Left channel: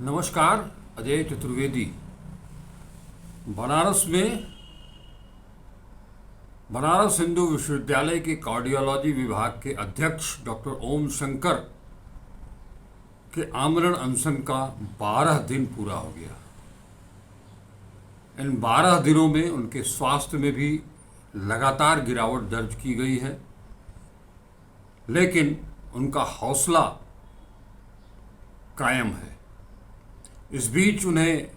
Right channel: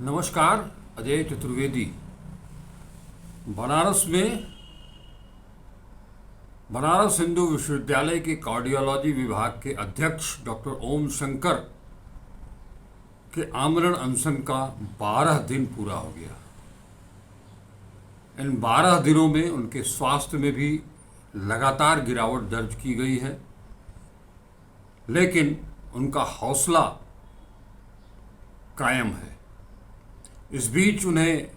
नमस्कार। अजय चतुर्वेदी। बनारस में बनारस हिंदू विश्वविद्यालय के कार्डियोलॉजी विभाग के अध्यक्ष डॉक्टर ओम शंकर के आमरण अनशन का 12 दिन पूरा हो गया। इन 12 दिनों में उनके स्वास्थ्य में भी लगातार गिरावट दर्ज की गई है, लेकिन उनका हौसला कायम है। इस बीच उन्हें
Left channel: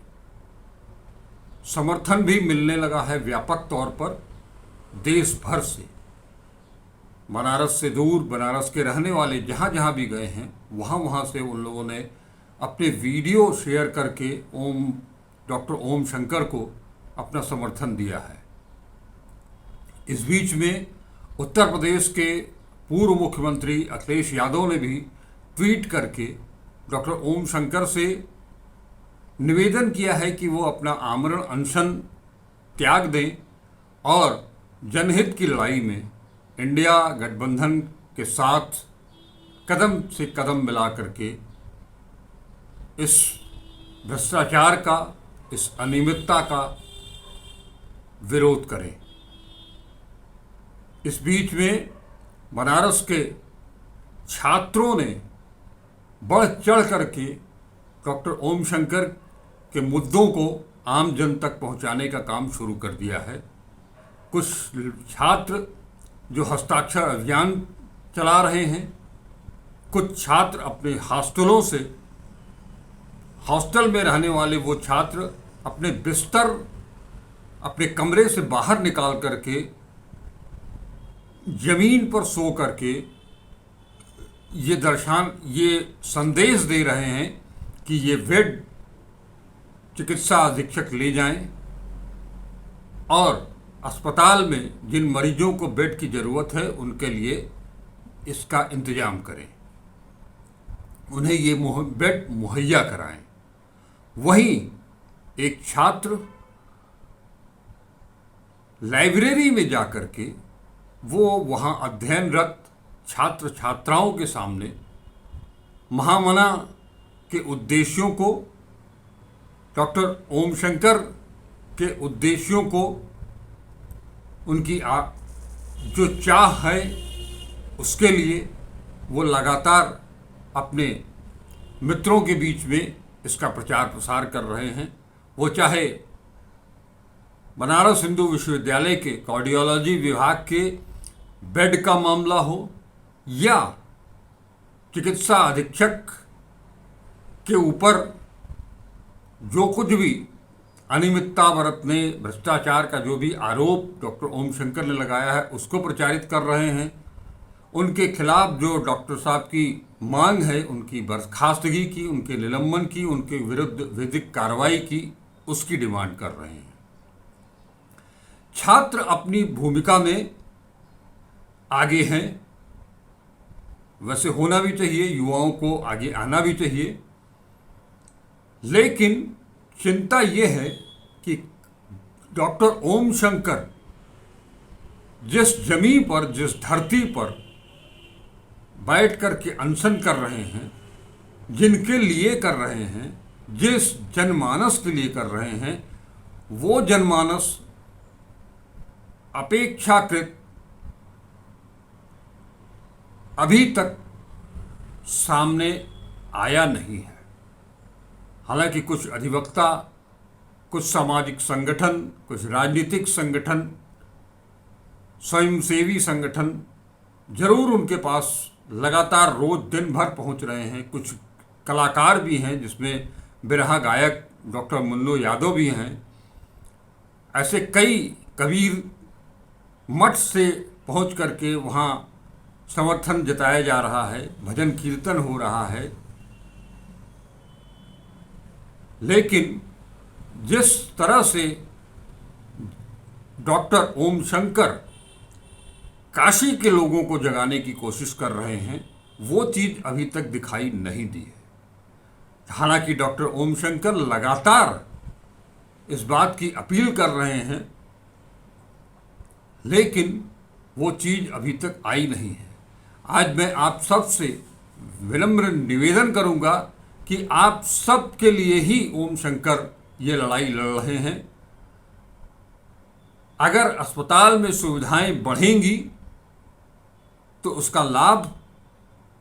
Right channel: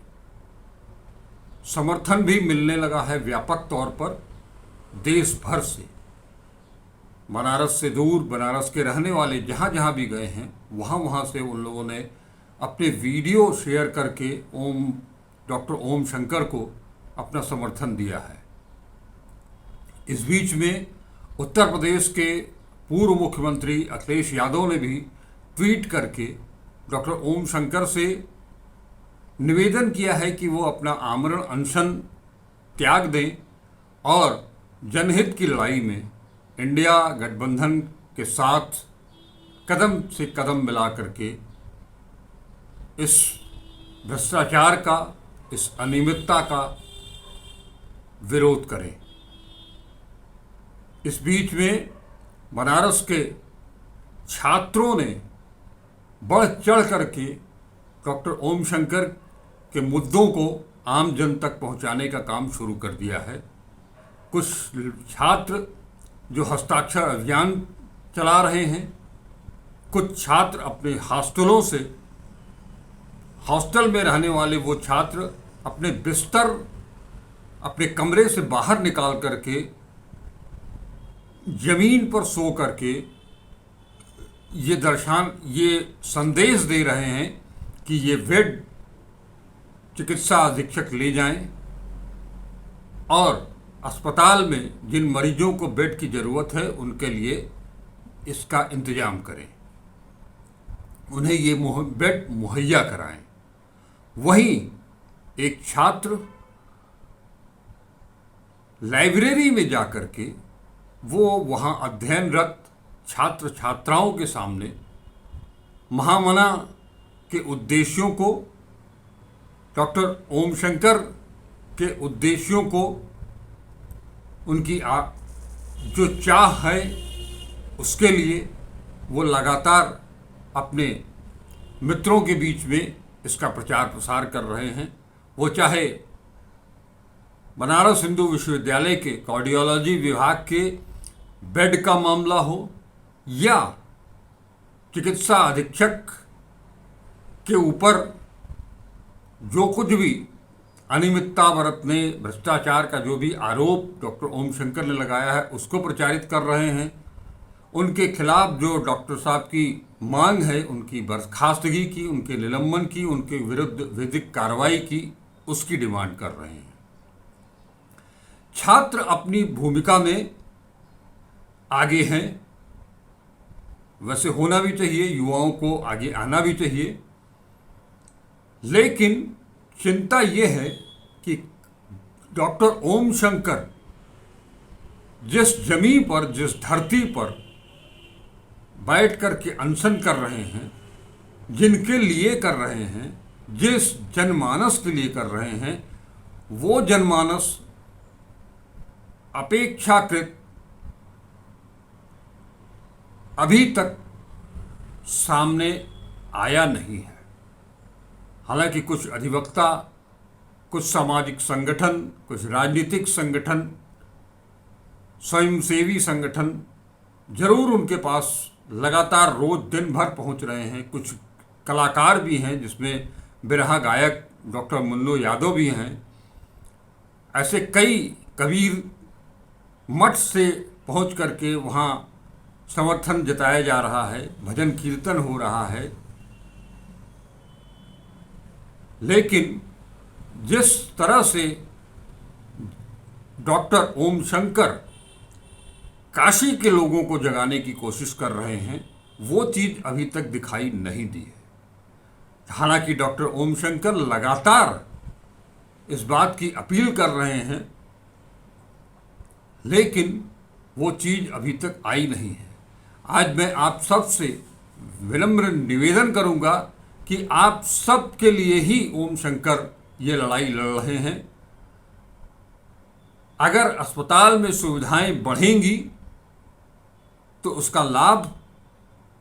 समर्थन भी मिलने लगा है व्यापक तौर पर देश भर से। बनारस से दूर, बनारस के रहने वाले जहाँ जहाँ भी गए हैं वहाँ वहाँ से उन लोगों ने अपने वीडियो शेयर करके डॉक्टर ओम शंकर को अपना समर्थन दिया है। इस बीच में उत्तर प्रदेश के पूर्व मुख्यमंत्री अखिलेश यादव ने भी ट्वीट करके डॉक्टर ओम शंकर से निवेदन किया है कि वो अपना आमरण अनशन त्याग दें और जनहित की लड़ाई में इंडिया गठबंधन के साथ कदम से कदम मिला करके इस भ्रष्टाचार का, इस अनियमितता का विरोध करें। इस बीच में बनारस के छात्रों ने बढ़ चढ़ करके डॉक्टर ओम शंकर के मुद्दों को आम जन तक पहुंचाने का काम शुरू कर दिया है। कुछ छात्र जो हस्ताक्षर अभियान चला रहे हैं, कुछ छात्र अपने हॉस्टल में रहने वाले वो छात्र अपने बिस्तर अपने कमरे से बाहर निकाल करके जमीन पर सो करके ये संदेश दे रहे हैं कि ये बेड चिकित्सा अधीक्षक ले जाएं और अस्पताल में जिन मरीजों को बेड की ज़रूरत है उनके लिए इसका इंतजाम करें, उन्हें ये बेड मुहैया कराएं। वहीं एक छात्र लाइब्रेरी में जाकर के वो वहाँ अध्ययनरत छात्र छात्राओं के सामने महामना के उद्देश्यों को, डॉक्टर ओम शंकर के उद्देश्यों को, उनकी जो चाह है उसके लिए वो लगातार अपने मित्रों के बीच में इसका प्रचार प्रसार कर रहे हैं। वो चाहे बनारस हिंदू विश्वविद्यालय के कार्डियोलॉजी विभाग के बेड का मामला हो या चिकित्सा अधीक्षक के ऊपर जो कुछ भी अनियमितता बरतने, भ्रष्टाचार का जो भी आरोप डॉक्टर ओम शंकर ने लगाया है उसको प्रचारित कर रहे हैं। उनके खिलाफ जो डॉक्टर साहब की मांग है, उनकी बर्खास्तगी की, उनके निलंबन की, उनके विरुद्ध विधिक कार्रवाई की, उसकी डिमांड कर रहे हैं। छात्र अपनी भूमिका में आगे हैं, वैसे होना भी चाहिए, युवाओं को आगे आना भी चाहिए, लेकिन चिंता ये है कि डॉक्टर ओम शंकर जिस जमीन पर, जिस धरती पर बैठ कर के अनशन कर रहे हैं, जिनके लिए कर रहे हैं, जिस जनमानस के लिए कर रहे हैं, वो जनमानस अपेक्षाकृत अभी तक सामने आया नहीं है। हालांकि कुछ अधिवक्ता, कुछ सामाजिक संगठन, कुछ राजनीतिक संगठन, स्वयंसेवी संगठन जरूर उनके पास लगातार रोज दिन भर पहुंच रहे हैं। कुछ कलाकार भी हैं, जिसमें बिरहा गायक डॉक्टर मुन्नो यादव भी हैं। ऐसे कई कबीर मठ से पहुंच करके वहाँ समर्थन जताया जा रहा है, भजन कीर्तन हो रहा है। लेकिन जिस तरह से डॉक्टर ओम शंकर काशी के लोगों को जगाने की कोशिश कर रहे हैं, वो चीज़ अभी तक दिखाई नहीं दी है। हालांकि डॉक्टर ओम शंकर लगातार इस बात की अपील कर रहे हैं, लेकिन वो चीज़ अभी तक आई नहीं है। आज मैं आप सबसे विनम्र निवेदन करूंगा कि आप सब के लिए ही ओम शंकर ये लड़ाई लड़ रहे हैं। अगर अस्पताल में सुविधाएं बढ़ेंगी तो उसका लाभ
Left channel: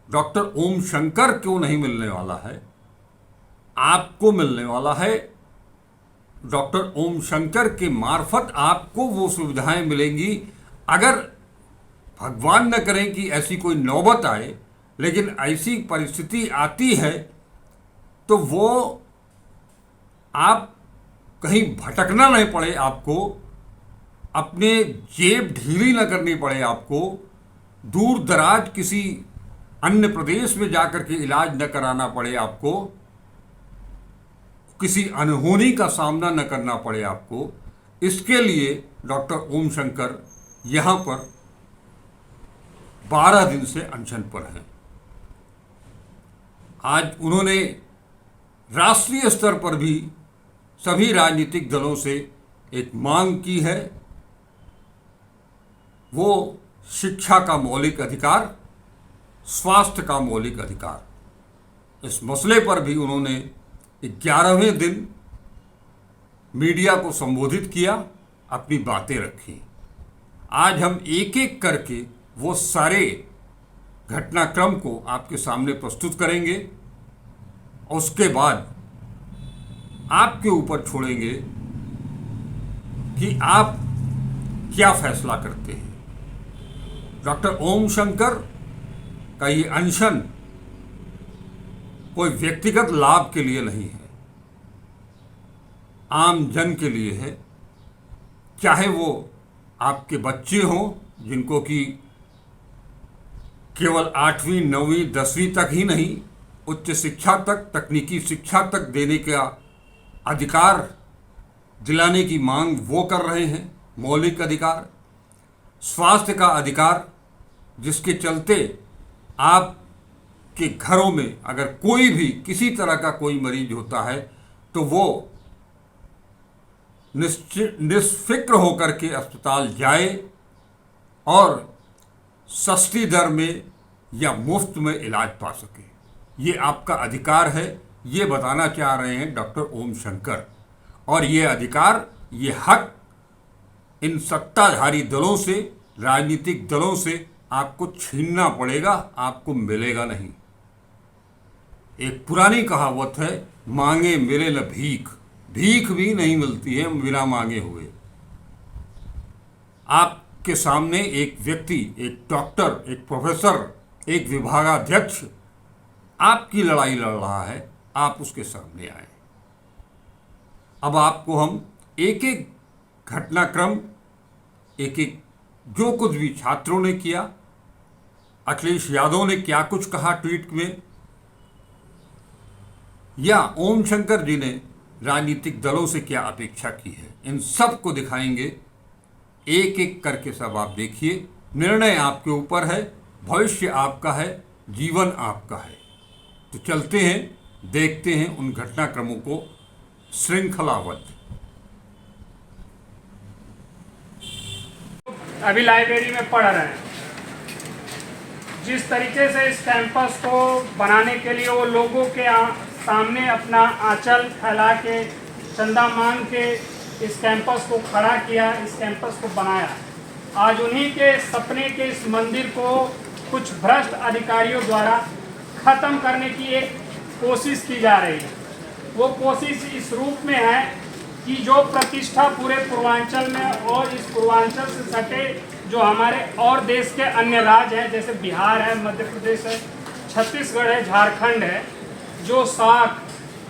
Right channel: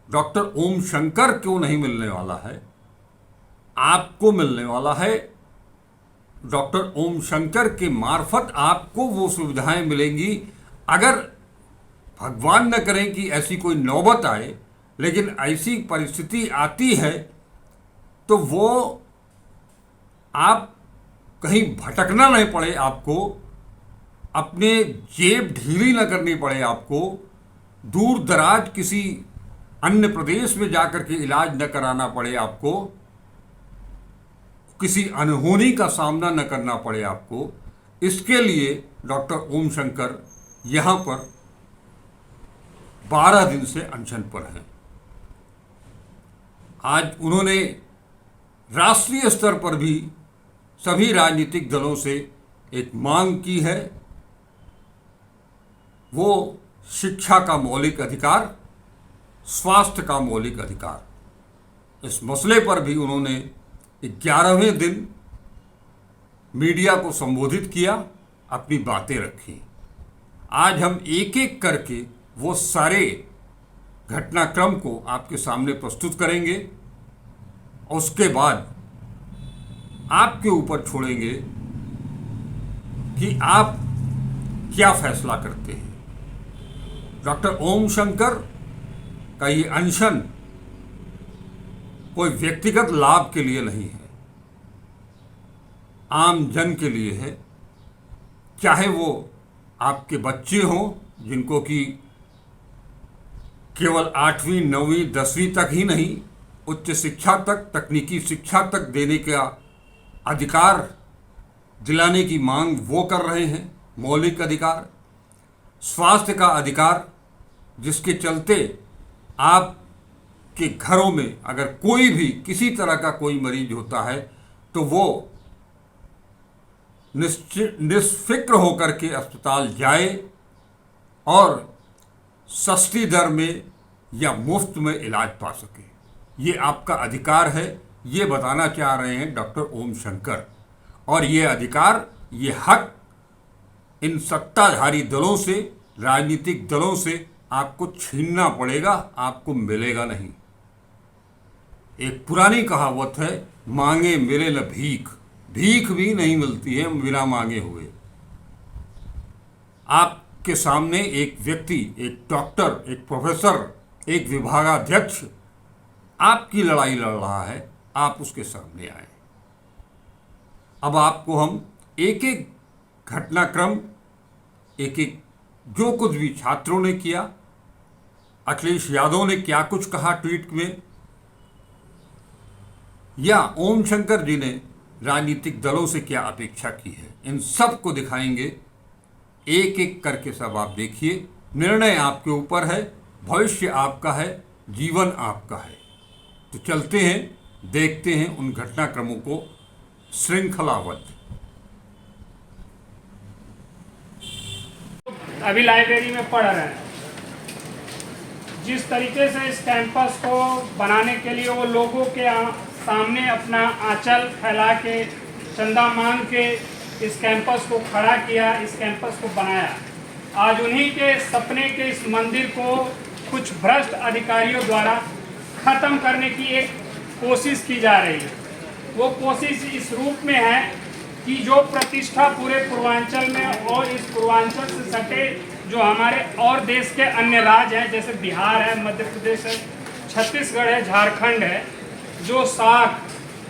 डॉक्टर ओम शंकर को नहीं मिलने वाला है, आपको मिलने वाला है। डॉक्टर ओम शंकर के मार्फत आपको वो सुविधाएं मिलेंगी। अगर भगवान न करें कि ऐसी कोई नौबत आए, लेकिन ऐसी परिस्थिति आती है तो वो आप कहीं भटकना नहीं पड़े, आपको अपने जेब ढीली न करनी पड़े, आपको दूर दराज किसी अन्य प्रदेश में जाकर के इलाज न कराना पड़े, आपको किसी अनहोनी का सामना न करना पड़े आपको। इसके लिए डॉक्टर ओम शंकर यहाँ पर 12 दिन से अनशन पर हैं। आज उन्होंने राष्ट्रीय स्तर पर भी सभी राजनीतिक दलों से एक मांग की है, वो शिक्षा का मौलिक अधिकार, स्वास्थ्य का मौलिक अधिकार। इस मसले पर भी उन्होंने 11वें दिन मीडिया को संबोधित किया, अपनी बातें रखी। आज हम एक एक करके वो सारे घटनाक्रम को आपके सामने प्रस्तुत करेंगे और उसके बाद आपके ऊपर छोड़ेंगे कि आप क्या फैसला करते हैं। डॉक्टर ओम शंकर का ये अनशन कोई व्यक्तिगत लाभ के लिए नहीं है, आम जन के लिए है। चाहे वो आपके बच्चे हों जिनको कि केवल 8वीं 9वीं 10वीं तक ही नहीं, उच्च शिक्षा तक, तकनीकी शिक्षा तक देने का अधिकार दिलाने की मांग वो कर रहे हैं, मौलिक अधिकार। स्वास्थ्य का अधिकार, जिसके चलते आप के घरों में अगर कोई भी किसी तरह का कोई मरीज होता है तो वो निष्फिक्र होकर के अस्पताल जाए और सस्ती दर में या मुफ्त में इलाज पा सके। ये आपका अधिकार है, ये बताना चाह रहे हैं डॉक्टर ओम शंकर। और ये अधिकार, ये हक इन सत्ताधारी दलों से, राजनीतिक दलों से आपको छीनना पड़ेगा, आपको मिलेगा नहीं। एक पुरानी कहावत है, मांगे मिले न भीख, भीख भी नहीं मिलती है बिना मांगे हुए। आपके सामने एक व्यक्ति, एक डॉक्टर, एक प्रोफेसर, एक विभागाध्यक्ष आपकी लड़ाई लड़ रहा है, आप उसके सामने आए। अब आपको हम एक एक घटनाक्रम, एक एक जो कुछ भी छात्रों ने किया, अखिलेश यादव ने क्या कुछ कहा ट्वीट में, या ओम शंकर जी ने राजनीतिक दलों से क्या अपेक्षा की है, इन सब को दिखाएंगे। एक एक करके सब आप देखिए। निर्णय आपके ऊपर है, भविष्य आपका है, जीवन आपका है। तो चलते हैं, देखते हैं उन घटनाक्रमों को श्रृंखलाबद्ध। अभी लाइब्रेरी में पढ़ रहे हैं। जिस तरीके से इस कैंपस को बनाने के लिए वो लोगों के सामने अपना आंचल फैला के, चंदा मांग के इस कैंपस को खड़ा किया, इस कैंपस को बनाया। आज उन्हीं के सपने के इस मंदिर को कुछ भ्रष्ट अधिकारियों द्वारा खत्म करने की एक कोशिश की जा रही है। वो कोशिश इस रूप में है कि जो प्रतिष्ठा पूरे पूर्वांचल में और इस पूर्वांचल से सटे जो हमारे और देश के अन्य राज्य हैं, जैसे बिहार है, मध्य प्रदेश है, छत्तीसगढ़ है, झारखंड है, जो साख,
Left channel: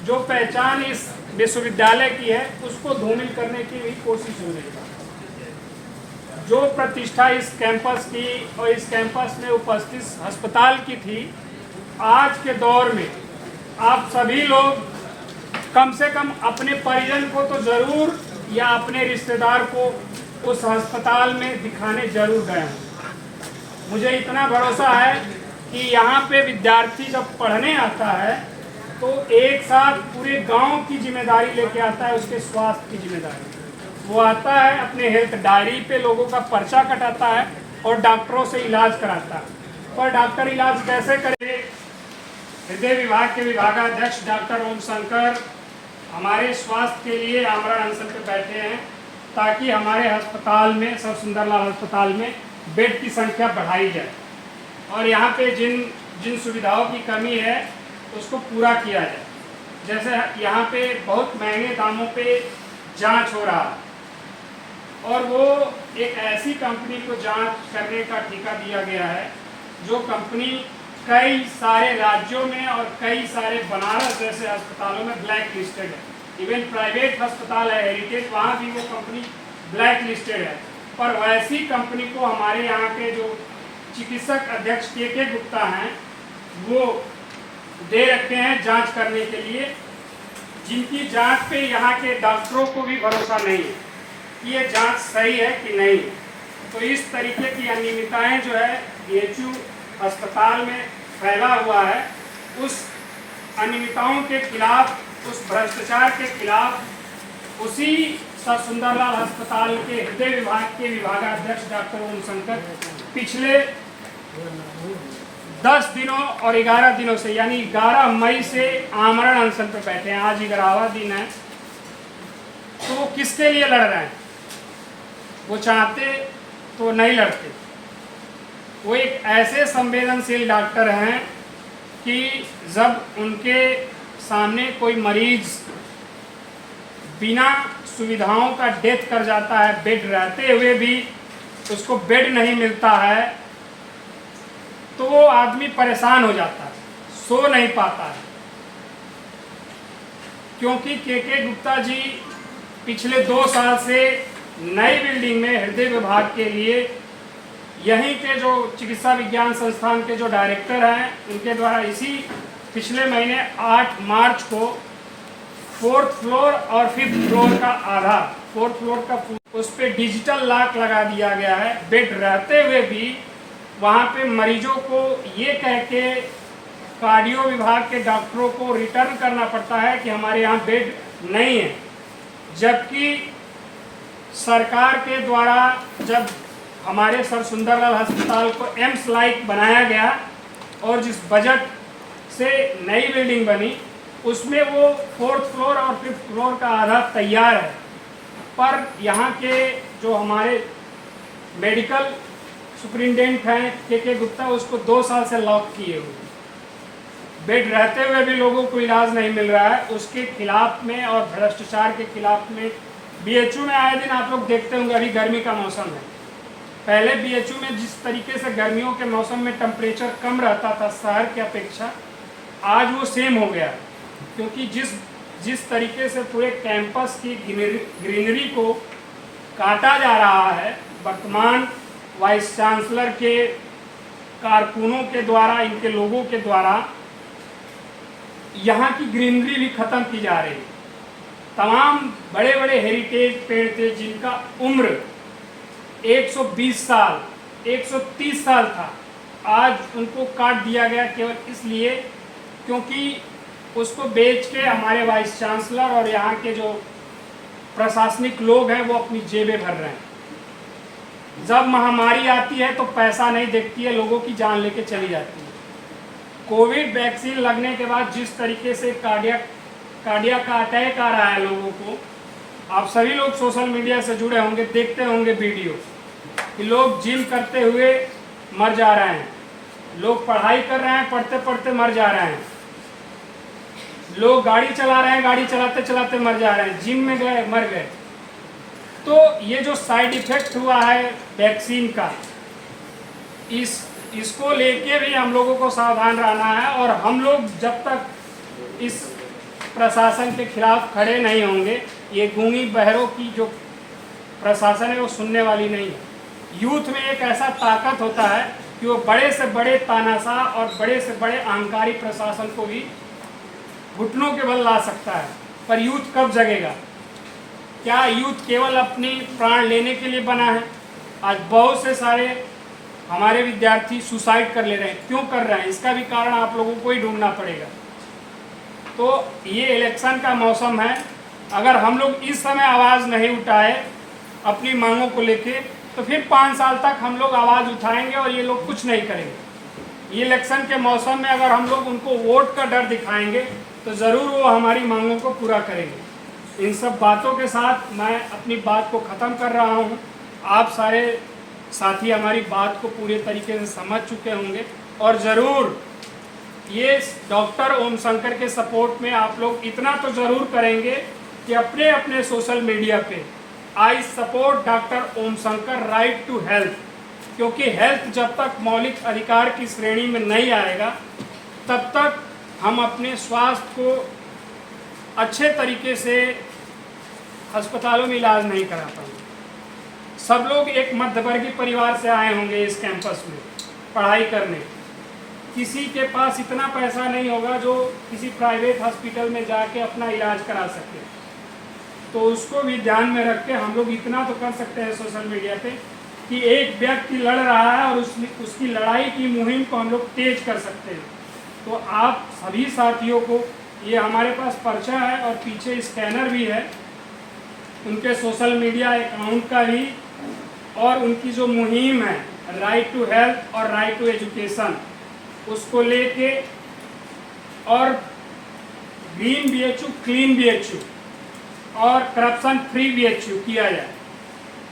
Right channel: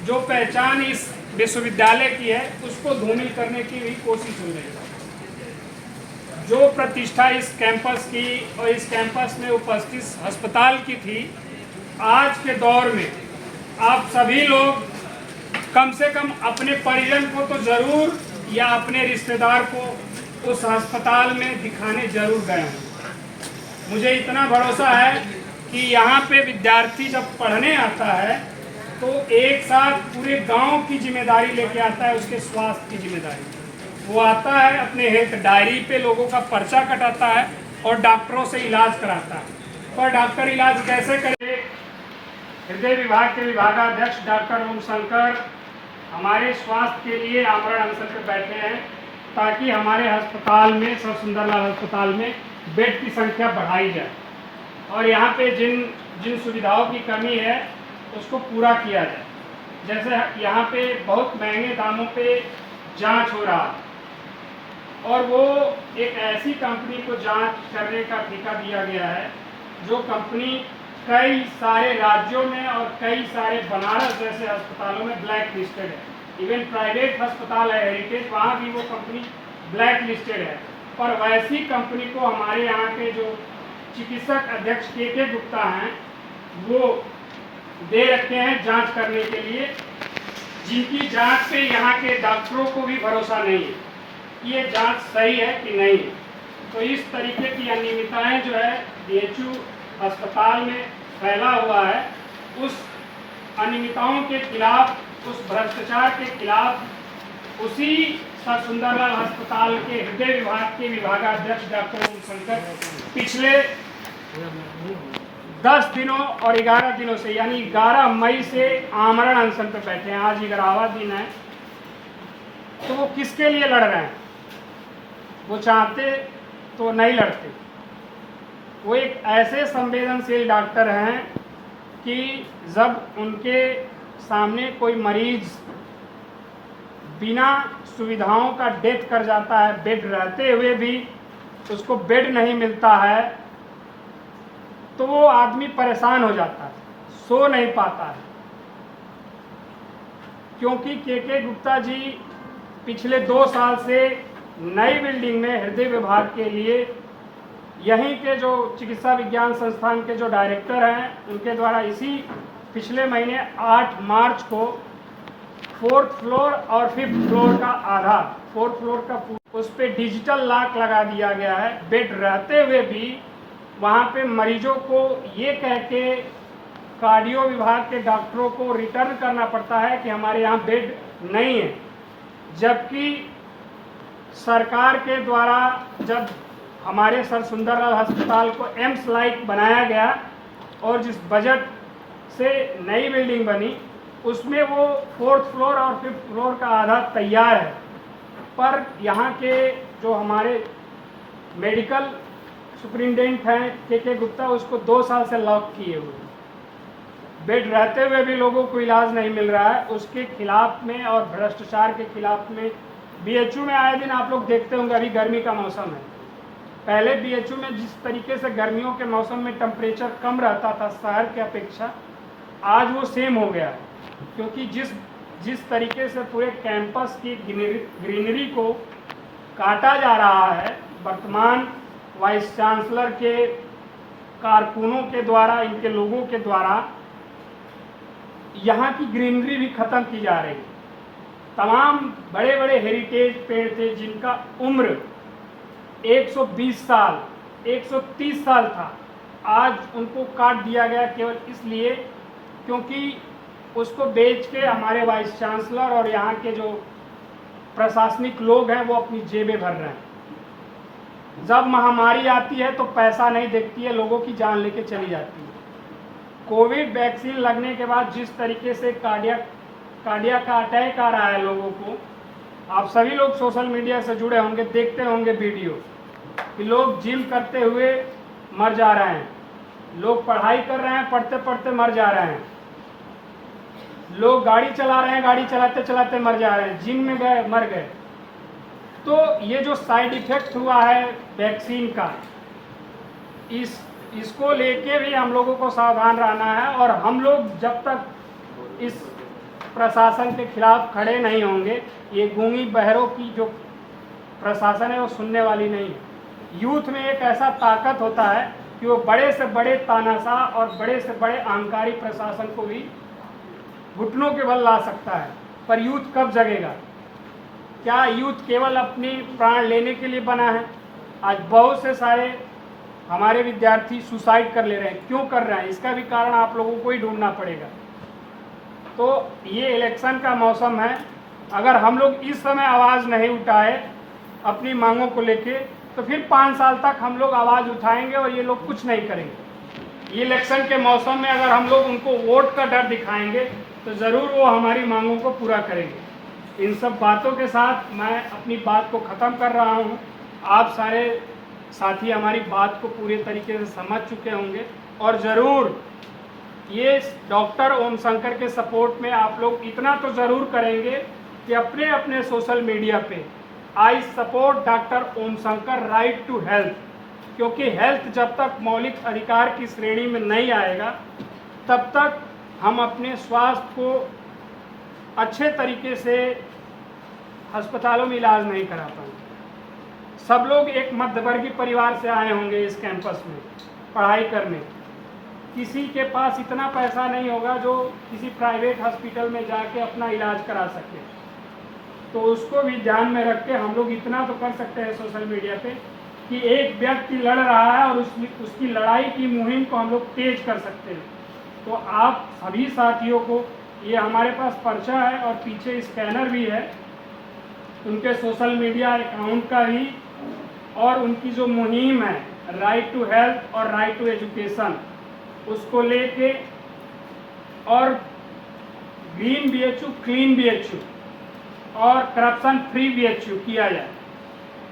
जो पहचान इस विश्वविद्यालय की है, उसको धूमिल करने की भी कोशिश हो रही है। जो प्रतिष्ठा इस कैंपस की और इस कैंपस में उपस्थित अस्पताल की थी, आज के दौर में आप सभी लोग कम से कम अपने परिजन को तो जरूर या अपने रिश्तेदार को उस अस्पताल में दिखाने जरूर गए हैं। मुझे इतना भरोसा है कि यहाँ पे विद्यार्थी जब पढ़ने आता है तो एक साथ पूरे गांव की जिम्मेदारी लेके आता है, उसके स्वास्थ्य की जिम्मेदारी। वो आता है, अपने हेल्थ डायरी पे लोगों का पर्चा कटाता है और डॉक्टरों से इलाज कराता है। पर डॉक्टर इलाज कैसे करे? हृदय विभाग के विभागाध्यक्ष डॉक्टर ओम शंकर हमारे स्वास्थ्य के लिए आमरण अनशन पर बैठे हैं ताकि हमारे अस्पताल में, सर सुंदरलाल अस्पताल में बेड की संख्या बढ़ाई जाए और यहाँ पे जिन सुविधाओं की कमी है उसको पूरा किया जाए। जैसे यहाँ पे बहुत महंगे दामों पे जांच हो रहा है और वो एक ऐसी कंपनी को जांच करने का ठेका दिया गया है जो कंपनी कई सारे राज्यों में और कई सारे बनारस जैसे अस्पतालों में ब्लैक लिस्टेड है। इवन प्राइवेट अस्पताल है हेरिटेज, वहाँ भी वो कंपनी ब्लैक लिस्टेड है। पर वैसी कंपनी को हमारे यहाँ के जो चिकित्सक अध्यक्ष के गुप्ता हैं वो दे रखे हैं जांच करने के लिए, जिनकी जांच पे यहाँ के डॉक्टरों को भी भरोसा नहीं है कि ये जांच सही है कि नहीं। तो इस तरीके की अनियमितताएं जो है बीएचयू अस्पताल में फैला हुआ है, उस अनियमितताओं के खिलाफ, उस भ्रष्टाचार के खिलाफ उसी सर सुंदरलाल अस्पताल के हृदय विभाग के विभागाध्यक्ष डॉक्टर ओम शंकर पिछले 10 दिनों और 11 दिनों से यानी 11 मई से आमरण अनशन पर बैठे हैं। आज 11वां दिन है। तो वो किसके लिए लड़ रहे हैं? वो चाहते तो नहीं लड़ते। वो एक ऐसे संवेदनशील डॉक्टर हैं कि जब उनके सामने कोई मरीज बिना सुविधाओं का डेथ कर जाता है, बेड रहते हुए भी उसको बेड नहीं मिलता है, तो वो आदमी परेशान हो जाता है, सो नहीं पाता है। क्योंकि के गुप्ता जी पिछले 2 साल से नई बिल्डिंग में हृदय विभाग के लिए यहीं के जो चिकित्सा विज्ञान संस्थान के जो डायरेक्टर हैं उनके द्वारा इसी पिछले महीने 8 मार्च को 4th फ्लोर और 5th फ्लोर का आधार, 4th फ्लोर का उस पर डिजिटल लॉक लगा दिया गया है। बेड रहते हुए भी वहाँ पे मरीजों को ये कह के कार्डियो विभाग के डॉक्टरों को रिटर्न करना पड़ता है कि हमारे यहाँ बेड नहीं है, जबकि सरकार के द्वारा जब हमारे सर सुंदरलाल अस्पताल को एम्स लाइक बनाया गया और जिस बजट से नई बिल्डिंग बनी उसमें वो 4th फ्लोर और 5th फ्लोर का आधार तैयार है, पर यहाँ के जो हमारे मेडिकल सुपरिटेंडेंट हैं के गुप्ता उसको 2 साल से लॉक किए हुए, बेड रहते हुए भी लोगों को इलाज नहीं मिल रहा है। उसके खिलाफ में और भ्रष्टाचार के खिलाफ में बीएचयू में आए दिन आप लोग देखते होंगे, अभी गर्मी का मौसम है। पहले बीएचयू में जिस तरीके से गर्मियों के मौसम में टेम्परेचर कम रहता था शहर की अपेक्षा, आज वो सेम हो गया है। क्योंकि जिस तरीके से पूरे कैंपस की ग्रीनरी को काटा जा रहा है, वर्तमान वाइस चांसलर के कारकुनों के द्वारा, इनके लोगों के द्वारा यहाँ की ग्रीनरी भी खत्म की जा रही है। तमाम बड़े बड़े हेरिटेज पेड़ थे जिनका उम्र 120 साल 130 साल था, आज उनको काट दिया गया केवल इसलिए क्योंकि उसको बेच के हमारे वाइस चांसलर और यहाँ के जो प्रशासनिक लोग हैं वो अपनी जेबें भर रहे हैं। जब महामारी आती है तो पैसा नहीं देखती है, लोगों की जान लेके चली जाती है। कोविड वैक्सीन लगने के बाद जिस तरीके से कार्डियक का अटैक आ रहा है लोगों को, आप सभी लोग सोशल मीडिया से जुड़े होंगे, देखते होंगे वीडियो कि लोग जिम करते हुए मर जा रहे हैं, लोग पढ़ाई कर रहे हैं, पढ़ते पढ़ते मर जा रहे हैं, लोग गाड़ी चला रहे हैं, गाड़ी चलाते चलाते मर जा रहे हैं, जिम में गए मर गए। तो ये जो साइड इफेक्ट हुआ है वैक्सीन का, इसको लेके भी हम लोगों को सावधान रहना है। और हम लोग जब तक इस प्रशासन के खिलाफ खड़े नहीं होंगे, ये गूंगी बहरों की जो प्रशासन है वो सुनने वाली नहीं है। यूथ में एक ऐसा ताकत होता है कि वो बड़े से बड़े तानाशाह और बड़े से बड़े अहंकारी प्रशासन को भी घुटनों के बल ला सकता है। पर यूथ कब जगेगा? क्या यूथ केवल अपनी प्राण लेने के लिए बना है? आज बहुत से सारे हमारे विद्यार्थी सुसाइड कर ले रहे हैं। क्यों कर रहे हैं? इसका भी कारण आप लोगों को ही ढूंढना पड़ेगा। तो ये इलेक्शन का मौसम है, अगर हम लोग इस समय आवाज़ नहीं उठाए अपनी मांगों को लेके, तो फिर 5 साल तक हम लोग आवाज़ उठाएंगे और ये लोग कुछ नहीं करेंगे। ये इलेक्शन के मौसम में अगर हम लोग उनको वोट का डर दिखाएंगे तो ज़रूर वो हमारी मांगों को पूरा करेंगे। इन सब बातों के साथ मैं अपनी बात को ख़त्म कर रहा हूँ। आप सारे साथी हमारी बात को पूरे तरीके से समझ चुके होंगे और ज़रूर ये डॉक्टर ओम शंकर के सपोर्ट में आप लोग इतना तो ज़रूर करेंगे कि अपने अपने सोशल मीडिया पे I support doctor Om Shankar right to health, क्योंकि हेल्थ जब तक मौलिक अधिकार की श्रेणी में नहीं आएगा तब तक हम अपने स्वास्थ्य को अच्छे तरीके से अस्पतालों में इलाज नहीं करा पाएंगे। सब लोग एक मध्यवर्गीय परिवार से आए होंगे इस कैंपस में पढ़ाई करने। किसी के पास इतना पैसा नहीं होगा जो किसी प्राइवेट हॉस्पिटल में जाके अपना इलाज करा सके, तो उसको भी ध्यान में रख के हम लोग इतना तो कर सकते हैं सोशल मीडिया पे कि एक व्यक्ति लड़ रहा है और उसकी लड़ाई की मुहिम को हम लोग तेज कर सकते हैं। तो आप सभी साथियों को, ये हमारे पास पर्चा है और पीछे स्कैनर भी है, उनके सोशल मीडिया अकाउंट का भी और उनकी जो मुहिम है राइट टू हेल्थ और राइट टू एजुकेशन, उसको लेके और ग्रीन बीएचयू, क्लीन बीएचयू और करप्शन फ्री बीएचयू किया जाए,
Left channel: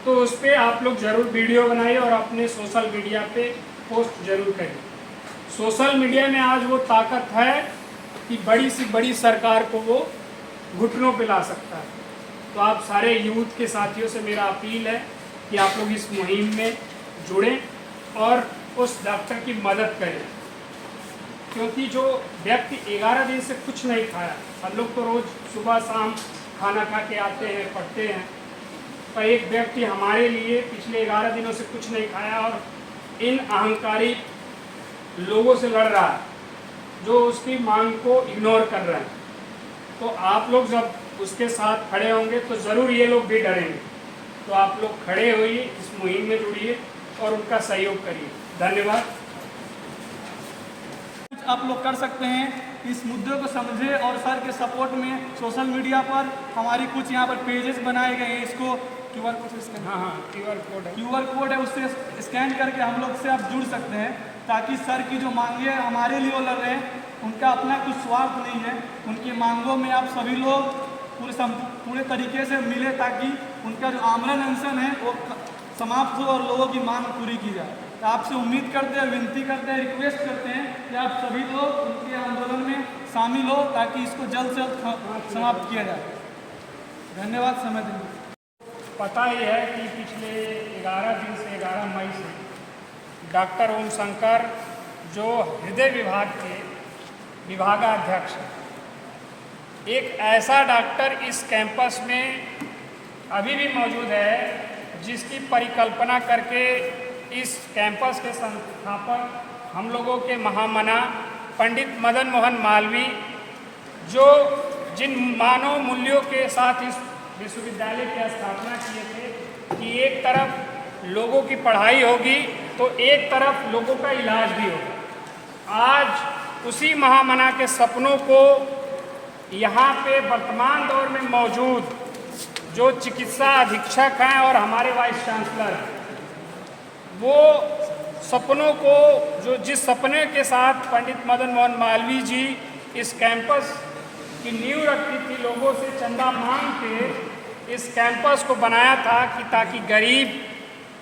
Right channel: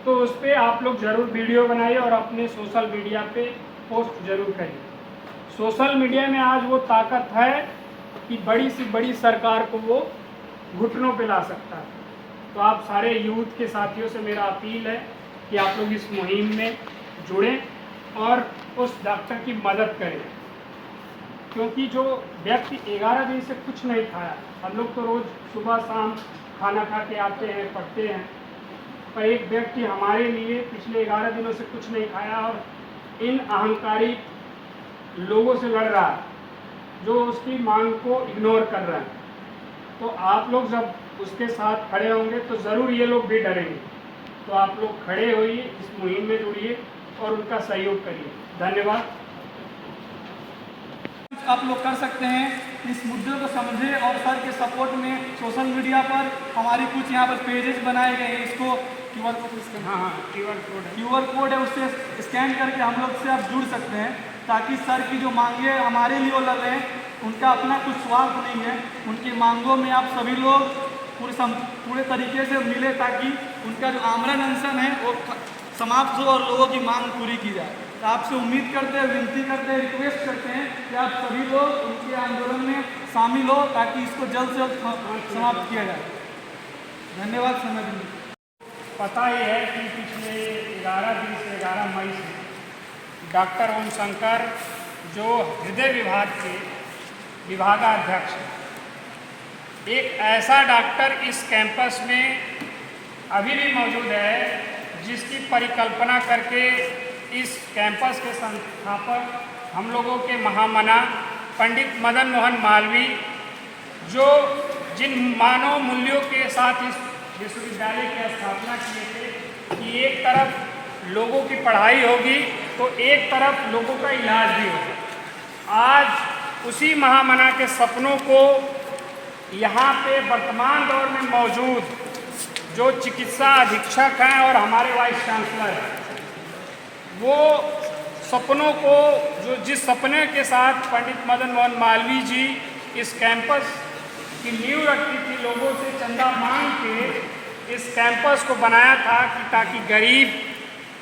तो उस पर आप लोग ज़रूर वीडियो बनाइए और अपने सोशल मीडिया पे पोस्ट जरूर करिए। सोशल मीडिया में आज वो ताकत है कि बड़ी सी बड़ी सरकार को वो घुटनों पे ला सकता है। तो आप सारे यूथ के साथियों से मेरा अपील है कि आप लोग इस मुहिम में जुड़ें और उस डॉक्टर की मदद करें, क्योंकि जो व्यक्ति 11 दिन से कुछ नहीं खाया, हम लोग तो रोज़ सुबह शाम खाना खा के आते हैं, पढ़ते हैं, पर एक व्यक्ति हमारे लिए पिछले 11 दिनों से कुछ नहीं खाया और इन अहंकारी लोगों से लड़ रहा है जो उसकी मांग को इग्नोर कर रहे हैं। तो आप लोग जब उसके साथ खड़े होंगे तो ज़रूर ये लोग भी डरेंगे। तो आप लोग खड़े होइए, इस मुहिम में जुड़िए और उनका सहयोग करिए। धन्यवाद। आप लोग कर सकते हैं इस मुद्दे को समझे और सर के सपोर्ट में सोशल मीडिया पर हमारी कुछ यहाँ पर पेजेस बनाए गए हैं। इसको क्यूआर कोड, हाँ क्यूआर कोड है, उससे स्कैन करके हम लोग से आप जुड़ सकते हैं, ताकि सर की जो मांगे हमारे लिए वो लड़ रहे हैं, उनका अपना कुछ स्वार्थ नहीं है, उनकी मांगों में आप सभी लोग पूरे तरीके से मिले ताकि उनका जो आमरण अनशन है वो समाप्त हो और लोगों की मांग पूरी की जाए। तो आपसे उम्मीद करते हैं, विनती करते हैं, रिक्वेस्ट करते हैं कि आप सभी लोग उनके आंदोलन में शामिल हो ताकि इसको जल्द से जल्द समाप्त किया जाए। धन्यवाद। समय देने। पता ही है कि पिछले 11 दिन से 11 मई से डॉक्टर ओम शंकर जो हृदय विभाग के विभागाध्यक्ष हैं, एक ऐसा डॉक्टर इस कैंपस में अभी भी मौजूद है जिसकी परिकल्पना करके इस कैंपस के संस्थापक हम लोगों के महामना पंडित मदन मोहन मालवीय, जो जिन मानव मूल्यों के साथ इस विश्वविद्यालय की स्थापना किए थे कि एक तरफ लोगों की पढ़ाई होगी तो एक तरफ लोगों का इलाज भी होगा। आज उसी महामना के सपनों को यहाँ पे वर्तमान दौर में मौजूद जो चिकित्सा अधीक्षक हैं और हमारे वाइस चांसलर हैं, वो सपनों को जो जिस सपने के साथ पंडित मदन मोहन मालवीय जी इस कैंपस की नींव रखी थी, लोगों से चंदा मांग के इस कैंपस को बनाया था कि ताकि गरीब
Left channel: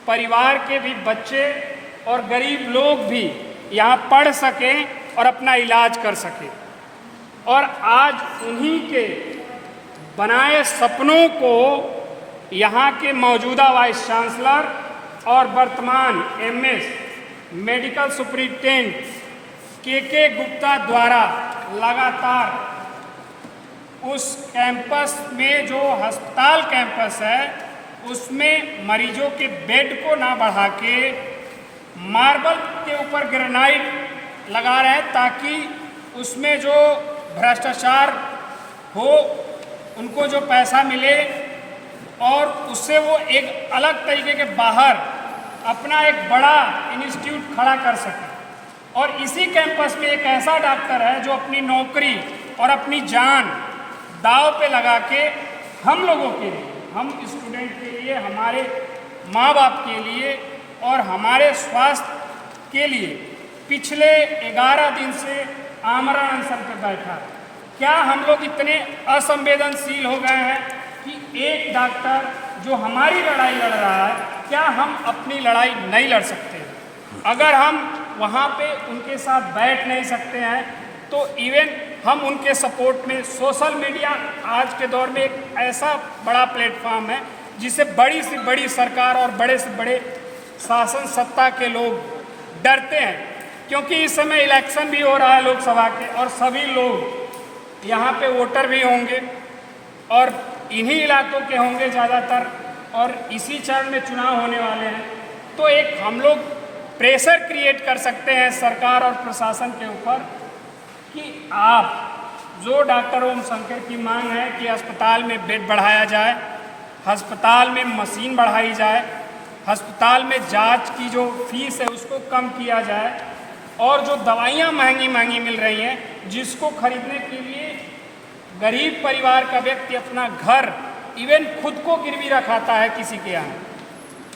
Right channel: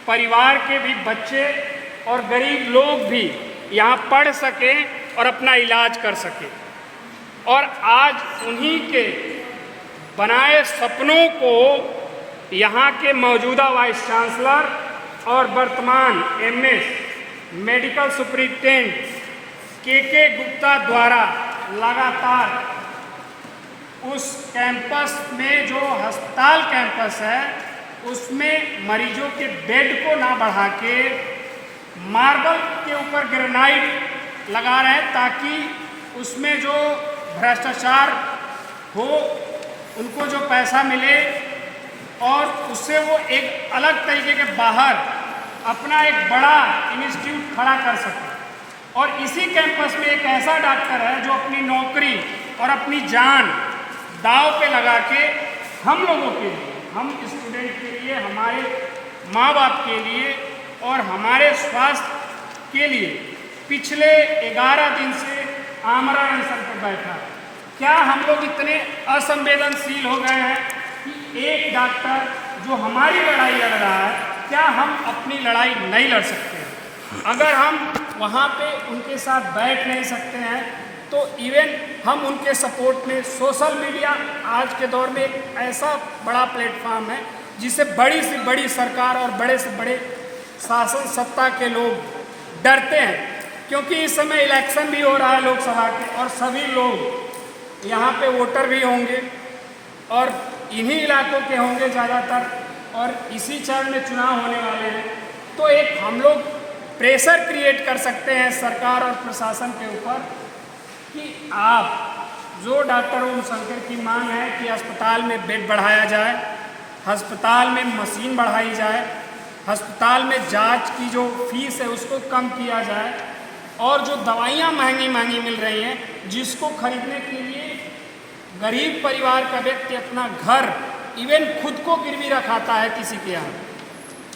परिवार के भी बच्चे और गरीब लोग भी यहाँ पढ़ सकें और अपना इलाज कर सकें। और आज उन्हीं के बनाए सपनों को यहाँ के मौजूदा वाइस चांसलर और वर्तमान एमएस मेडिकल सुपरिटेंडेंट के गुप्ता द्वारा लगातार उस कैंपस में जो अस्पताल कैंपस है उसमें मरीजों के बेड को ना बढ़ा के मार्बल के ऊपर ग्रेनाइट लगा रहे हैं ताकि उसमें जो भ्रष्टाचार हो उनको जो पैसा मिले और उससे वो एक अलग तरीके के बाहर अपना एक बड़ा इंस्टीट्यूट खड़ा कर सके। और इसी कैंपस में एक ऐसा डॉक्टर है जो अपनी नौकरी और अपनी जान दांव पे लगा के हम लोगों के लिए, हम स्टूडेंट के लिए, हमारे माँ बाप के लिए और हमारे स्वास्थ्य के लिए पिछले 11 दिन से आमरण अनशन पर बैठा है। क्या हम लोग इतने असंवेदनशील हो गए हैं कि एक डॉक्टर जो हमारी लड़ाई लड़ रहा है, क्या हम अपनी लड़ाई नहीं लड़ सकते? अगर हम वहाँ पे उनके साथ बैठ नहीं सकते हैं तो इवन हम उनके सपोर्ट में सोशल मीडिया आज के दौर में एक ऐसा बड़ा प्लेटफॉर्म है जिसे बड़ी से बड़ी सरकार और बड़े से बड़े शासन सत्ता के लोग डरते हैं, क्योंकि इस समय इलेक्शन भी हो रहा है लोकसभा के, और सभी लोग यहाँ पे वोटर भी होंगे और इन्हीं इलाकों के होंगे ज़्यादातर, और इसी चरण में चुनाव होने वाले हैं। तो एक हम लोग प्रेशर क्रिएट कर सकते हैं सरकार और प्रशासन के ऊपर कि आप जो डॉक्टर ओम शंकर की मांग है कि अस्पताल में बेड बढ़ाया जाए, अस्पताल में मशीन बढ़ाई जाए, अस्पताल में जांच की जो फीस है उसको कम किया जाए, और जो दवाइयाँ महंगी महंगी मिल रही हैं जिसको खरीदने के लिए गरीब परिवार का व्यक्ति अपना घर इवन खुद को गिरवी रखाता है किसी के यहाँ,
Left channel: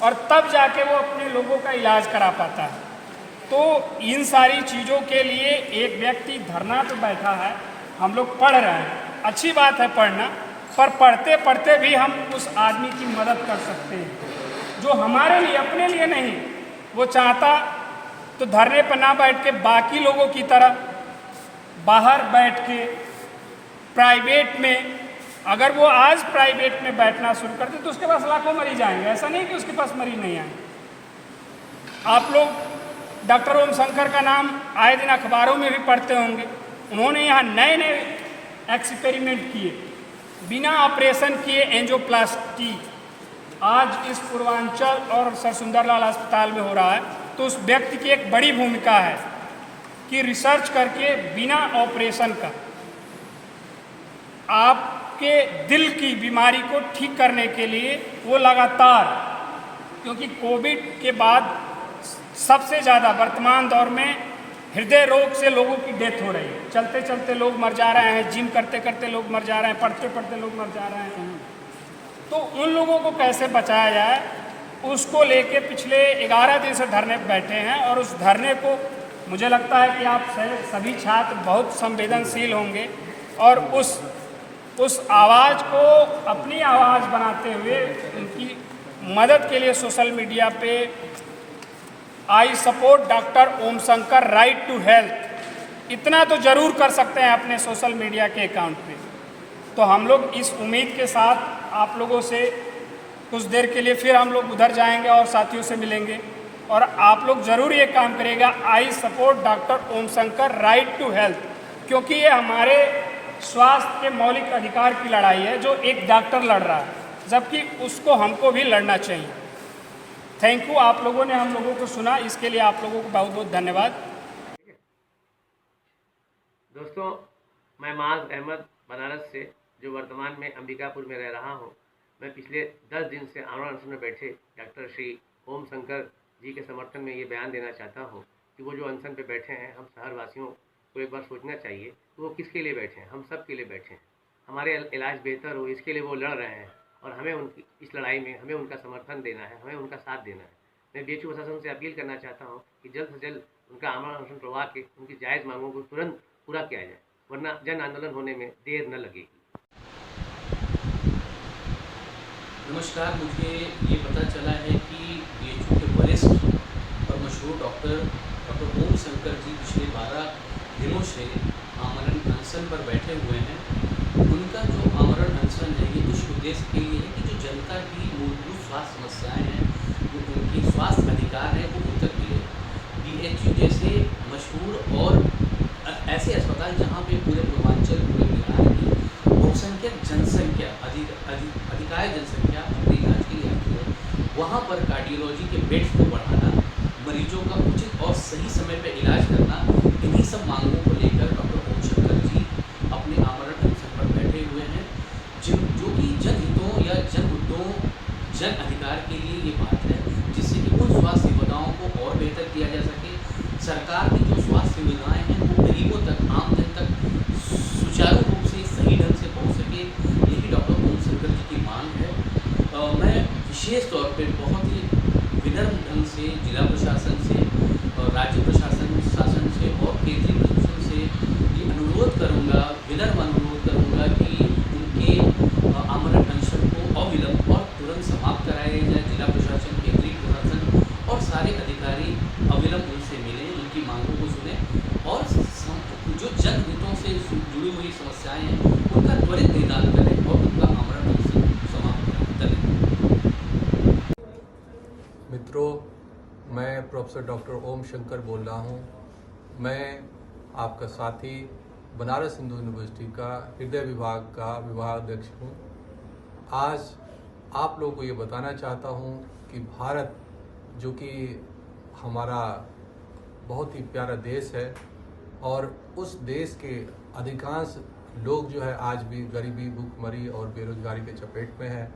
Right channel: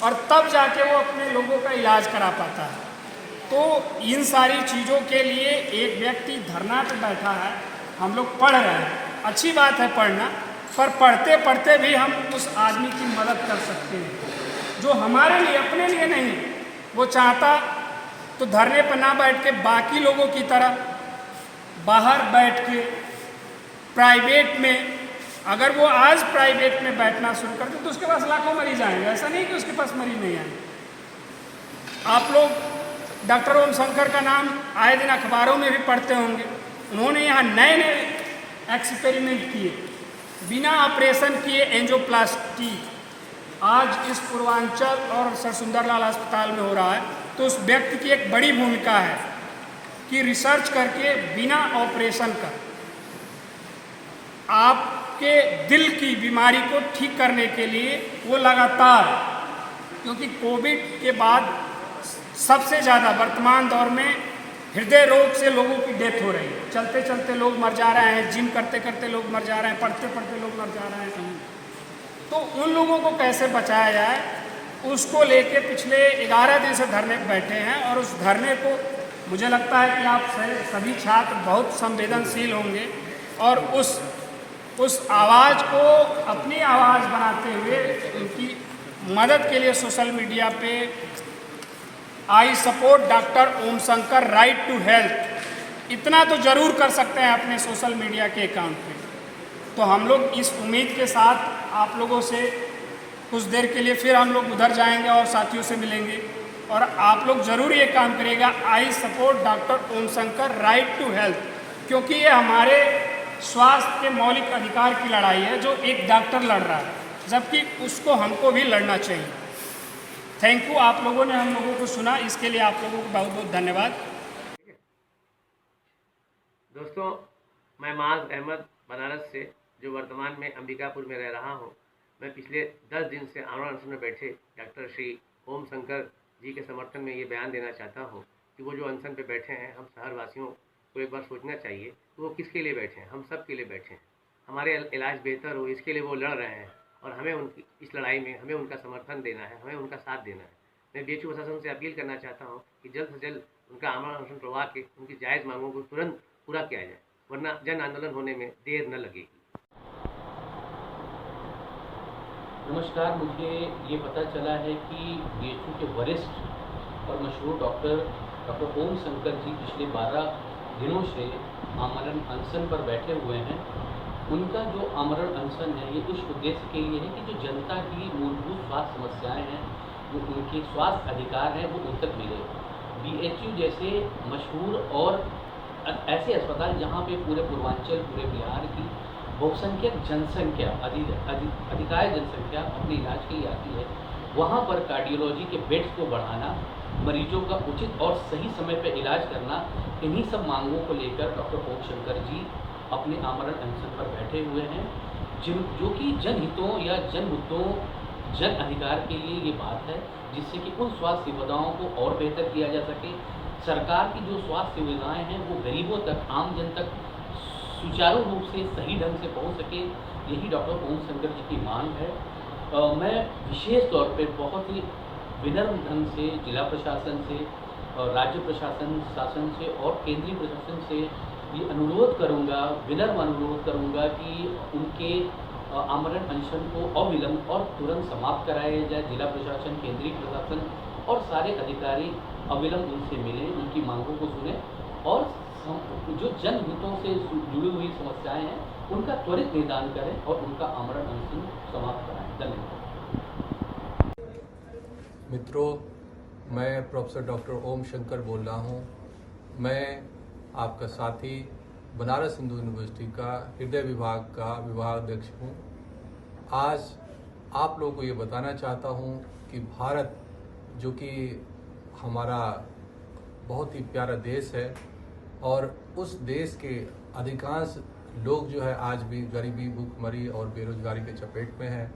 और तब जाके वो अपने लोगों का इलाज करा पाता है। तो इन सारी चीज़ों के लिए एक व्यक्ति धरना पे बैठा है, हम लोग पढ़ रहे हैं, अच्छी बात है पढ़ना, पर पढ़ते पढ़ते भी हम उस आदमी की मदद कर सकते हैं जो हमारे लिए, अपने लिए नहीं। वो चाहता तो धरने पर ना बैठ के बाकी लोगों की तरह बाहर बैठ के प्राइवेट में, अगर वो आज प्राइवेट में बैठना शुरू कर दे तो उसके पास लाखों मरीज आएंगे, ऐसा नहीं कि उसके पास मरीज नहीं आएंगे। आप लोग डॉक्टर ओम शंकर का नाम आए दिन अखबारों में भी पढ़ते होंगे। उन्होंने यहाँ नए नए एक्सपेरिमेंट किए, बिना ऑपरेशन किए एंजियोप्लास्टी आज इस पूर्वांचल और सर सुंदरलाल अस्पताल में हो रहा है। तो उस व्यक्ति की एक बड़ी भूमिका है कि रिसर्च करके बिना ऑपरेशन कर आपके दिल की बीमारी को ठीक करने के लिए वो लगातार, क्योंकि कोविड के बाद सबसे ज़्यादा वर्तमान दौर में हृदय रोग से लोगों की डेथ हो रही है, चलते चलते लोग मर जा रहे हैं, जिम करते करते लोग मर जा रहे हैं, पढ़ते पढ़ते लोग मर जा रहे हैं। तो उन लोगों को कैसे बचाया जाए, उसको लेके पिछले 11 दिन से धरने पर बैठे हैं। और उस धरने को मुझे लगता है कि आप सभी छात्र बहुत संवेदनशील होंगे और उस आवाज़ को अपनी आवाज़ बनाते हुए उनकी मदद के लिए सोशल मीडिया पे I support doctor Om Shankar right to health, इतना तो ज़रूर कर सकते हैं अपने सोशल मीडिया के अकाउंट पे। तो हम लोग इस उम्मीद के साथ आप लोगों से कुछ देर के लिए फिर हम लोग उधर जाएंगे और साथियों से मिलेंगे, और आप लोग ज़रूर ये काम करिएगा, I support doctor Om Shankar right to health, क्योंकि ये हमारे स्वास्थ्य के मौलिक अधिकार की लड़ाई है जो एक डॉक्टर लड़ रहा है, जबकि उसको हमको भी लड़ना चाहिए। थैंक यू, आप लोगों ने हम लोगों को सुना, इसके लिए आप लोगों को बहुत बहुत धन्यवाद। दोस्तों, मैं माज अहमद बनारस से, जो वर्तमान में अंबिकापुर में रह रहा हूँ, मैं पिछले 10 दिन से आमरण अनशन में बैठे डॉक्टर श्री ओम शंकर जी के समर्थन में ये बयान देना चाहता हूँ कि वो जो अनशन पे बैठे हैं, हम शहरवासियों को एक बार सोचना चाहिए कि वो किसके लिए बैठे हैं। हम सब के लिए बैठे हैं, हमारे इलाज बेहतर हो इसके लिए वो लड़ रहे हैं, और हमें उनकी इस लड़ाई में हमें उनका समर्थन देना है, हमें उनका साथ देना है। मैं बीएचयू प्रशासन से अपील करना चाहता हूँ कि जल्द से जल्द उनका आमरण अनशन तोड़वा के उनकी जायज़ मांगों को तुरंत पूरा किया जाए, वरना जन आंदोलन होने में देर न लगेगी। नमस्कार, मुझे ये पता चला है कि बीएचयू के वरिष्ठ और मशहूर डॉक्टर ओम शंकर जी पिछले 12 दिनों से आमरण अनशन पर बैठे हुए हैं। उनका जो आमरण अनशन है ये कुछ उद्देश्य के लिए है कि जो जनता की मूलभूत स्वास्थ्य समस्याएं हैं, जो उनके स्वास्थ्य अधिकार हैं, वो उन तक मिले। बीएचयू जैसे मशहूर और ऐसे अस्पताल जहाँ पे पूरे पूर्वांचल, पूरे बिहार की बहुसंख्यक जनसंख्या, अधिकांश जनसंख्या अपने इलाज के लिए आती है, वहाँ पर कार्डियोलॉजी के बेड्स को बढ़ाना, मरीजों का उचित और सही समय पर इलाज करना, इन्हीं सब मांगों को लेकर डॉक्टर ओम शंकर जी अपने आमरण अनशन पर बैठे हुए हैं, जो कि जनहितों या जन मुद्दों, जन अधिकार के लिए ये बात है, जिससे कि उन स्वास्थ्य सुविधाओं को और बेहतर किया जा सके। सरकार की जो स्वास्थ्य सुविधाएँ हैं वो गरीबों तक, आम जन तक सुचारू रूप से, सही ढंग से पहुंच सके, यही डॉक्टर ओम शंकर जी की मांग है। मैं विशेष तौर पे बहुत ही विनम्र ढंग से जिला प्रशासन से और राज्य प्रशासन से और केंद्रीय प्रशासन से ये अनुरोध करूँगा, विनम्र अनुरोध करूँगा कि उनके आमरण अनशन को अविलंब और तुरंत समाप्त कराया जाए। जिला प्रशासन, केंद्रीय प्रशासन और सारे अधिकारी अविलंब उनसे मिलें, उनकी मांगों को सुनें और जो जनहितों से जुड़ी हुई समस्याएं हैं उनका त्वरित निदान करें और उनका आमरण अनशन समाप्त कराएं। धन्यवाद। मित्रों, मैं प्रोफेसर डॉक्टर ओम शंकर बोल रहा हूँ। मैं आपका साथी बनारस हिंदू यूनिवर्सिटी का हृदय विभाग का विभागाध्यक्ष हूँ। आज आप लोगों को ये बताना चाहता हूँ कि भारत जो कि हमारा बहुत ही प्यारा देश है और उस देश के अधिकांश लोग जो है आज भी गरीबी, भूखमरी और बेरोजगारी के चपेट में हैं।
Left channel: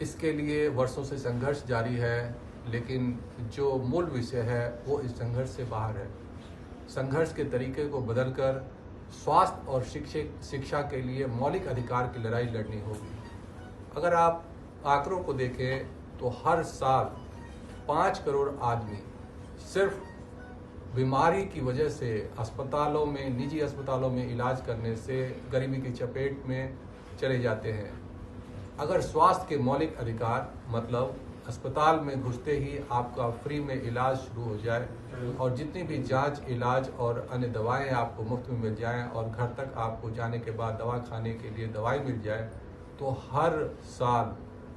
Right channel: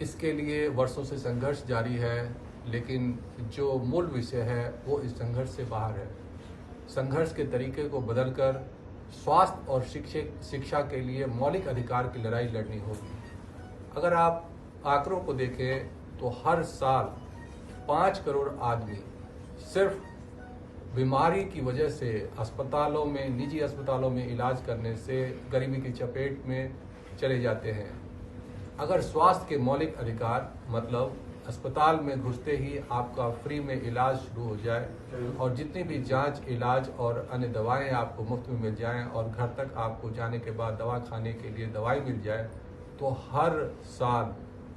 इसके लिए वर्षों से संघर्ष जारी है, लेकिन जो मूल विषय है वो इस संघर्ष से बाहर है। संघर्ष के तरीके को बदलकर स्वास्थ्य और शिक्षा के लिए मौलिक अधिकार की लड़ाई लड़नी होगी। अगर आप आंकड़ों को देखें तो हर साल 5 करोड़ आदमी सिर्फ बीमारी की वजह से अस्पतालों में, निजी अस्पतालों में इलाज करने से गरीबी की चपेट में चले जाते हैं। अगर स्वास्थ्य के मौलिक अधिकार मतलब अस्पताल में घुसते ही आपका फ्री में इलाज शुरू हो जाए और जितनी भी जांच, इलाज और अन्य दवाएं आपको मुफ्त में मिल जाएं और घर तक आपको जाने के बाद दवा खाने के लिए दवाई मिल जाए, तो हर साल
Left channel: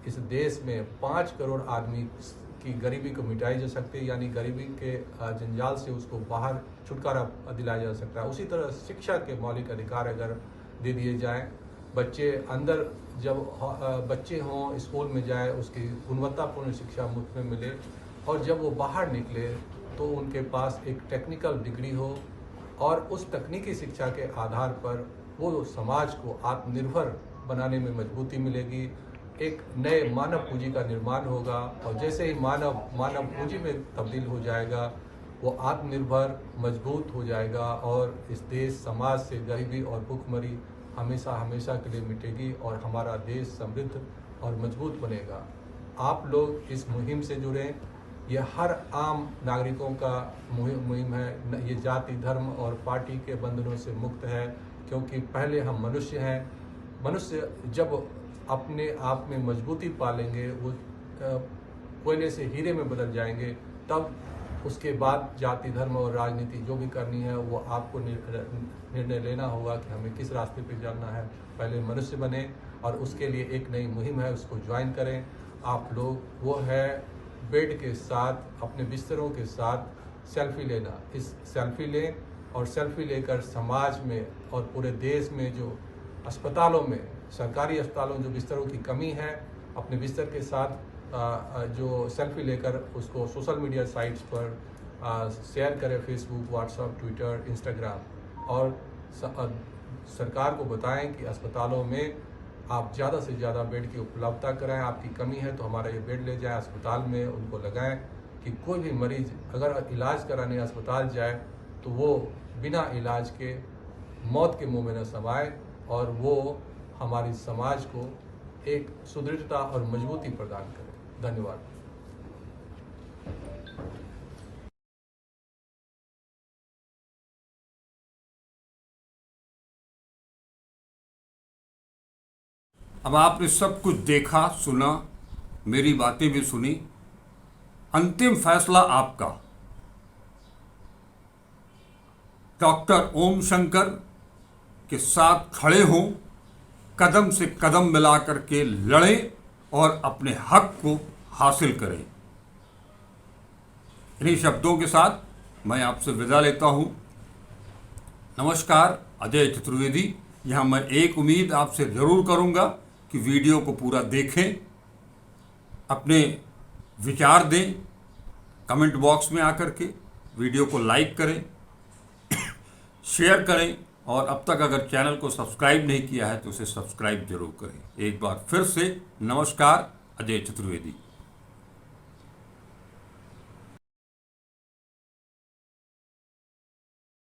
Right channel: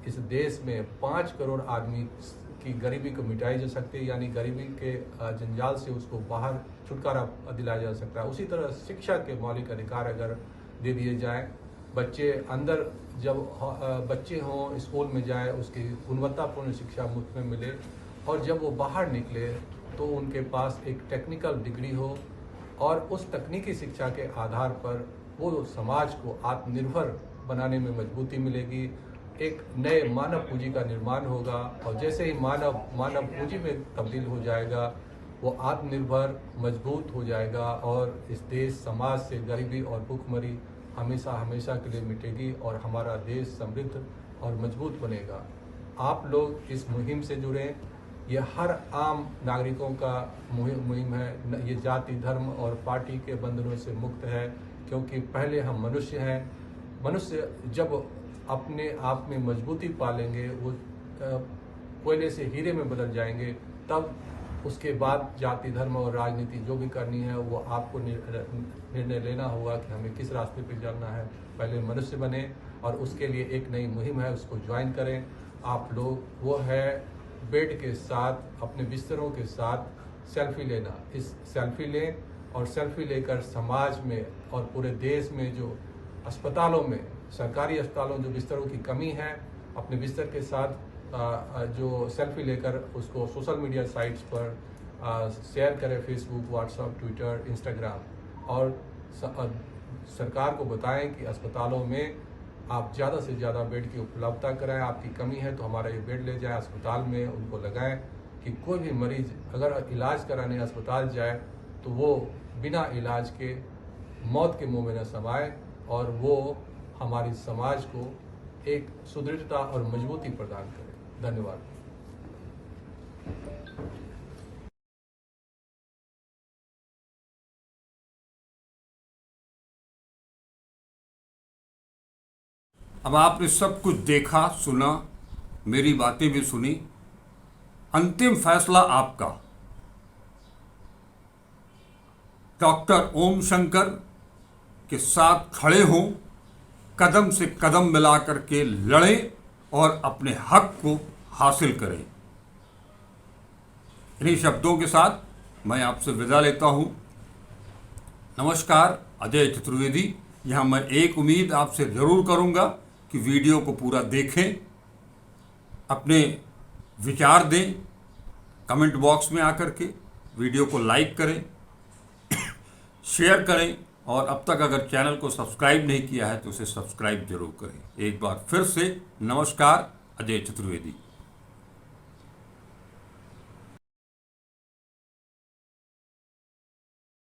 इस देश में 5 करोड़ आदमी की गरीबी को मिटाई जा सकती है, यानी गरीबी के जंजाल से उसको बाहर छुटकारा दिलाया जा सकता है। उसी तरह शिक्षा के मौलिक अधिकार अगर दे दिए जाएं, बच्चे अंदर जब बच्चे हों स्कूल में जाए, उसकी गुणवत्तापूर्ण शिक्षा मुफ्त में मिले और जब वो बाहर निकले तो उनके पास एक टेक्निकल डिग्री हो और उस तकनीकी शिक्षा के आधार पर वो समाज को आत्मनिर्भर बनाने में मजबूती मिलेगी। एक नए मानव पूंजी का निर्माण होगा और जैसे ही मानव पूंजी में तब्दील हो जाएगा, वो आत्मनिर्भर, मजबूत हो जाएगा और इस देश समाज से गरीबी और भूखमरी हमेशा के लिए मिटेगी और हमारा देश समृद्ध और मजबूत बनेगा। आप लोग इस मुहिम से जुड़ें। यह हर आम नागरिकों का मुहिम है। ये जाति, धर्म और पार्टी के बंधनों से मुक्त है, क्योंकि पहले हम मनुष्य हैं। मनुष्य जब अपने आप में मजबूती पालेंगे, वो कोयले से हीरे में बदल जाएंगे, तब उसके बाद जाति, धर्म और राजनीति जो भी करनी है वो आपको निर्णय लेना होगा कि हमें किस रास्ते पे चलना है। पहले मनुष्य बने और उसके लिए एक नई मुहिम है, उसको ज्वाइन करें आप लोग। वो है बेड के साथ, अपने बिस्तरों के साथ सेल्फी लेना। इस सेल्फी लें और सेल्फी लेकर समाज में और पूरे देश में जो अस्पतालों में, सरकारी अस्पतालों जो बिस्तरों की कमी है, अपने बिस्तर के साथ जो सेल्फी लेकर उसको सोशल मीडिया साइट्स पर शेयर करें, फेसबुक, व्हाट्सएप, ट्विटर, इंस्टाग्राम, और सरकार को बताएं कि अस्पतालों में आप ज़्यादा से ज़्यादा बेड की उपलब्धता कराएं। आपकी कमी है तो हमारा ये बेड ले जाएं, अस्पताल में उनको लगाएं कि कोई भी मरीज अगर इलाज कराने अस्पताल जाए तो वो बिना इलाज के मौत के मुंह में न समाए और वो हमारी समाज को एक सुदृढ़ता और मजबूती प्रदान करें। धन्यवाद। अब आपने सब कुछ देखा, सुना, मेरी बातें भी सुनी। अंतिम फैसला आपका। डॉक्टर ओम शंकर के साथ खड़े हों, कदम से कदम मिलाकर के लड़ें और अपने हक को हासिल करें। इन्हीं शब्दों के साथ मैं आपसे विदा लेता हूं। नमस्कार। अजय चतुर्वेदी। यहां मैं एक उम्मीद आपसे ज़रूर करूंगा कि वीडियो को पूरा देखें, अपने विचार दें, कमेंट बॉक्स में आकर के वीडियो को लाइक करें, शेयर करें और अब तक अगर चैनल को सब्सक्राइब नहीं किया है तो उसे सब्सक्राइब जरूर करें। एक बार फिर से नमस्कार। अजय चतुर्वेदी।